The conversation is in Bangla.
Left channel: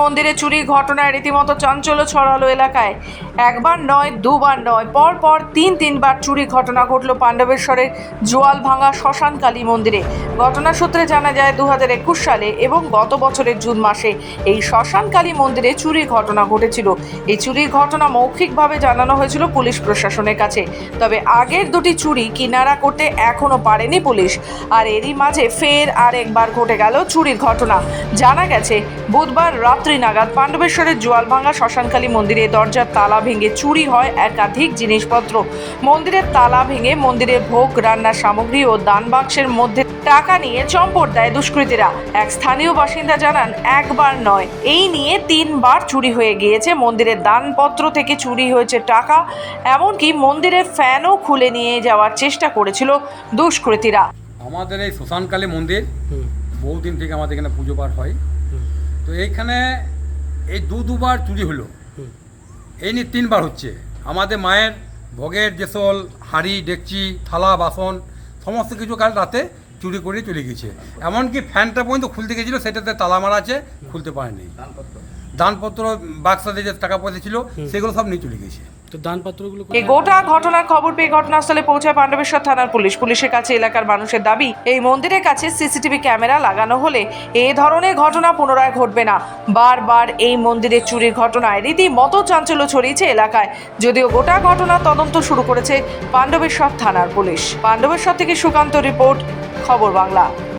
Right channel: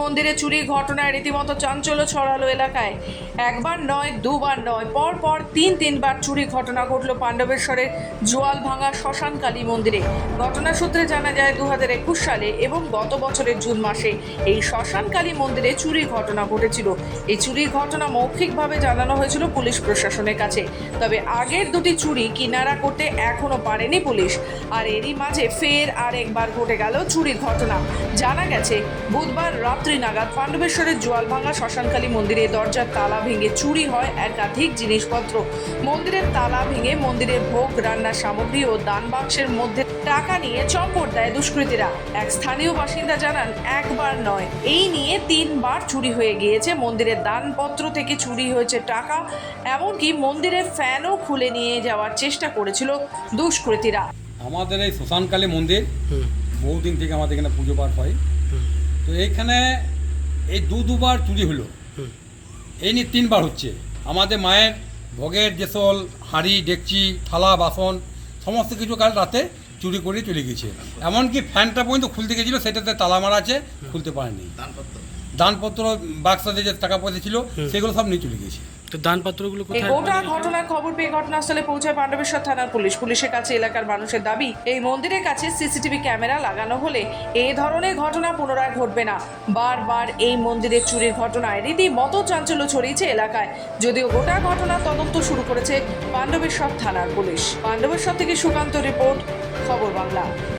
মন্দিরে চুরির ঘটনায় রীতিমতো চাঞ্চল্য ছড়ালো এলাকায়। একবার নয়, দুবার নয়, পর তিনবার চুরি ঘটনা ঘটল পাণ্ডবেশ্বরের জোয়ালভাঙা শ্মশান কালী মন্দিরে। ঘটনা সূত্রে জানা যায় 2021 সালে এবং গত বছরের জুন মাসে এই শ্মশান কালী মন্দিরে চুরির ঘটনা ঘটেছিল। এই চুরির ঘটনা মৌখিকভাবে জানানো হয়েছিল পুলিশ প্রশাসনের কাছে। তবে আগের দুটি চুরি কিনারা করতে এখনো পারেনি পুলিশ। আর এরই মাঝে ফের আরেকবার ঘটে গেল চুরির ঘটনা। জানা গেছে বুধবার রাত্রি নাগাদ পাণ্ডবেশ্বরের জোয়ালভাঙা শ্মশানকালী মন্দিরে দরজার তালা ভেঙে চুরি হয় একাধিক জিনিসপত্র। মন্দিরের তালা ভেঙে মন্দিরে ভোগ রান্নার সামগ্রী ও দান বাক্সের মধ্যে টাকা নিয়ে চম্পট দেয় দুষ্কৃতীরা। এক স্থানীয় বাসিন্দা জানান, একবার নয়, এই নিয়ে 3বার চুরি হয়ে গিয়েছে। মন্দিরের দানপত্র থেকে চুরি হয়েছে টাকা, এমনকি মন্দিরের ফ্যানও খুলে নিয়ে যাওয়ার চেষ্টা করেছিল দুষ্কৃতীরা। আমাদের এই শ্মশানকালী মন্দির বহুদিন থেকে আমাদের এখানে পুজো পাঠ হয়। তো এইখানে এই দুবার চুরি হলো, এই নিয়ে 3বার হচ্ছে। আমাদের মায়ের ভোগের যে সকল হাঁড়ি ডেকচি থালা বাসন সমস্ত কিছু কাল রাতে চুরি করে চলে গেছে। এমনকি ফ্যানটা পর্যন্ত খুলতে গেছিলো, সেটাতে তালা মারা আছে, খুলতে পারেনি। দানপত্র বাক্সাতে যে টাকা পয়সা ছিল সেগুলো সব নিয়ে চলে গেছে। এই গোটা ঘটনার খবর পেয়ে ঘটনাস্থলে পৌঁছায় পাণ্ডবেশ্বর থানার পুলিশ। পুলিশের কাছে এলাকার মানুষের দাবি, এই মন্দিরের কাছে সিসিটিভি ক্যামেরা লাগানো হলে এই ধরনের ঘটনা পুনরায় ঘটবে না। বারবার এই মন্দিরের চুরির ঘটনায় রীতিমতো চাঞ্চল্য ছড়িয়েছে এলাকায়। যদিও গোটা ঘটনার তদন্ত শুরু করেছে পাণ্ডবেশ্বর থানার পুলিশ। পাণ্ডবেশ্বর থেকে সুকান্ত রিপোর্ট, খবর বাংলা।